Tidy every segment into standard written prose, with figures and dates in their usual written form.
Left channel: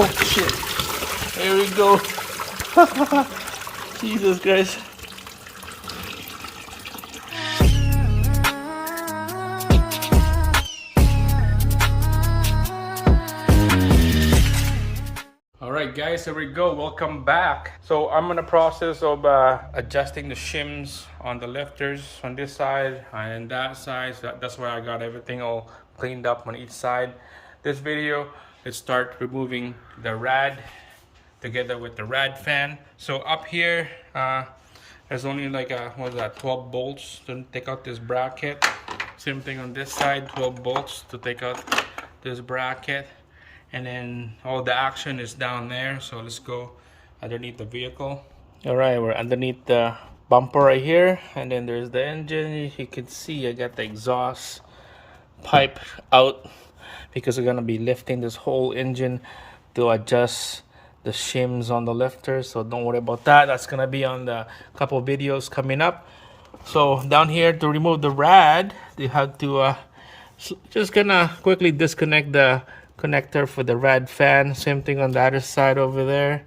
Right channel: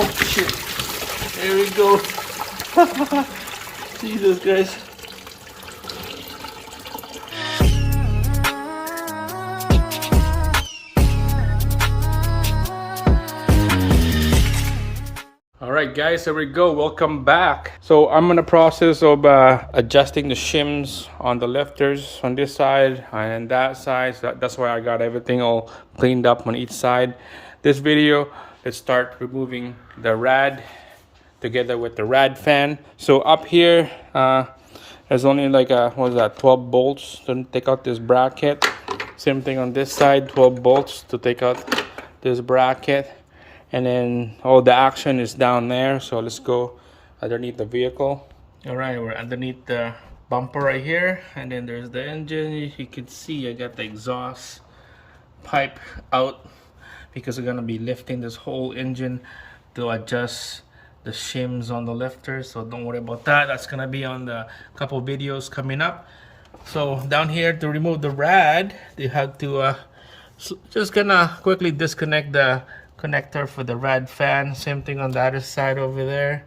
Oh shit. There we go. Jesus Christ. Alright guys, there we go. Welcome back. So I'm in the process of adjusting the shims on the lifters on this side and that side. So that's why I got everything all cleaned up on each side. This video, let's start removing the rad together with the rad fan. So up here, there's only like what is that, 12 bolts to take out this bracket. Same thing on this side, 12 bolts to take out this bracket. And then all the action is down there, so let's go underneath the vehicle. All right, we're underneath the bumper right here, and then there's the engine. If you can see, I got the exhaust pipe out because we're gonna be lifting this whole engine to adjust the shims on the lifter, so don't worry about that. That's gonna be on the couple videos coming up. So down here, to remove the rad, you have to just gonna quickly disconnect the connector for the rad fan. Same thing on the other side over there.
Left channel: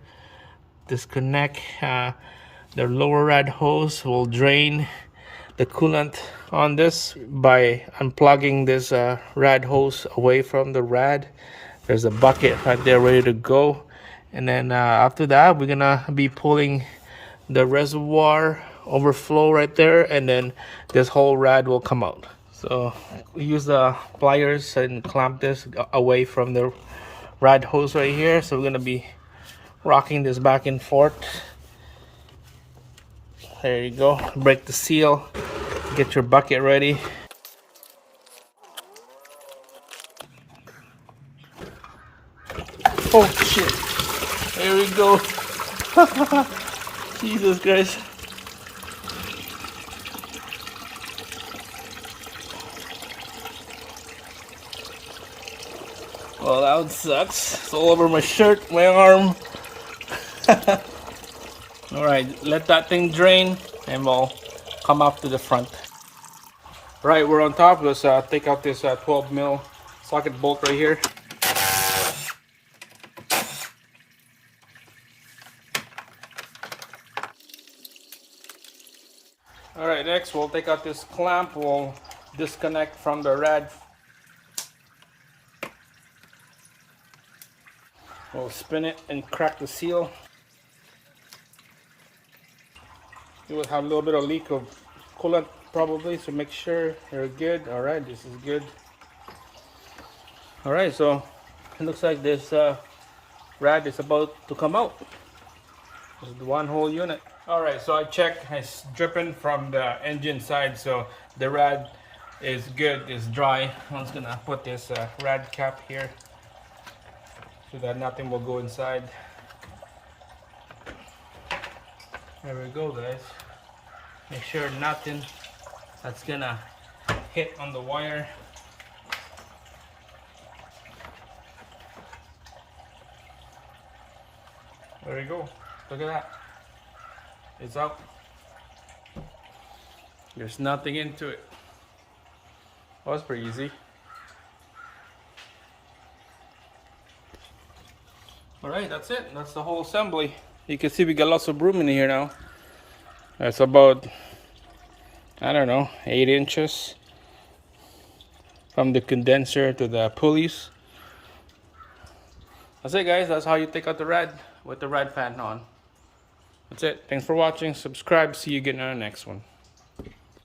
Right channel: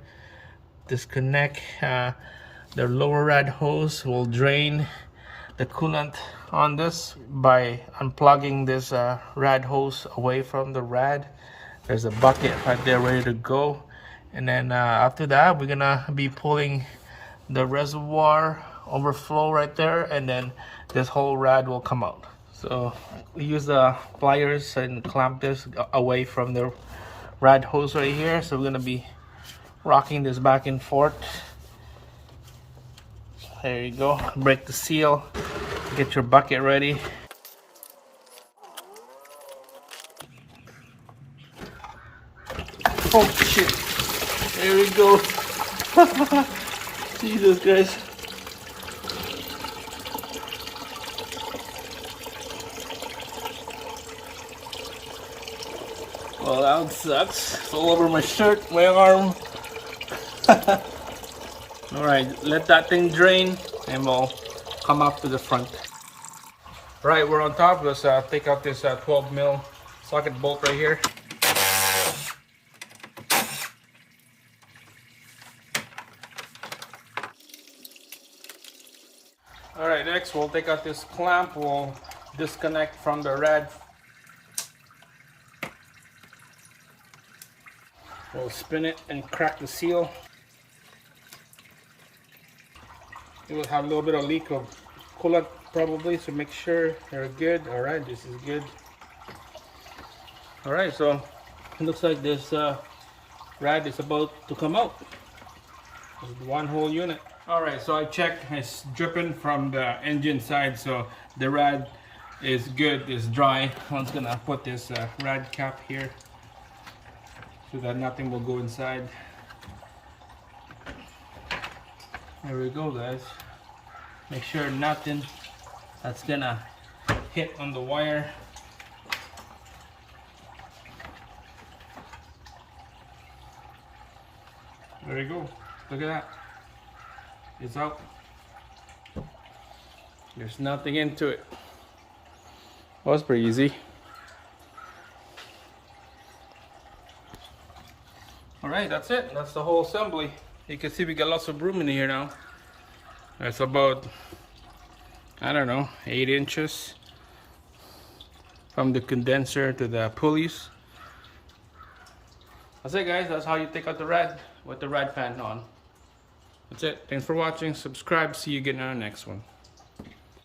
Disconnect the lower rad hose. Will drain the coolant on this by unplugging this rad hose away from the rad. There's a bucket right there ready to go. And then after that, we're gonna be pulling the reservoir overflow right there, and then this whole rad will come out. So we use the pliers and clamp this away from the rad hose right here. So we're gonna be rocking this back and forth. There you go. Break the seal. Get your bucket ready. Oh shit. There we go. Jesus Christ. Well, that one sucks. It's all over my shirt, my arm. Alright, let that thing drain and we'll come up to the front. Right, we're on top. Let's take out this 12 mil socket bolt right here. Alright, next we'll take out this clamp. We'll disconnect from the rad. We'll spin it and crack the seal. We will have a little bit of leak of coolant probably, so make sure they're good. Alright, this is good. Alright, so it looks like this rad is about to come out. This is one whole unit. Alright, so I checked, it's dripping from the engine side, so the rad is good, it's dry. I'm just gonna put this rad cap here so that nothing will go inside. There we go, guys. Make sure nothing that's gonna hit on the wire. There you go. Look at that. It's out. There's nothing into it. Well, that's pretty easy. Alright, that's it. That's the whole assembly. You can see we got lots of room in here now. It's about, I don't know, 8 inches from the condenser to the pulleys. That's it, guys. That's how you take out the rad with the rad fan on. That's it. Thanks for watching. Subscribe. See you again on the next one.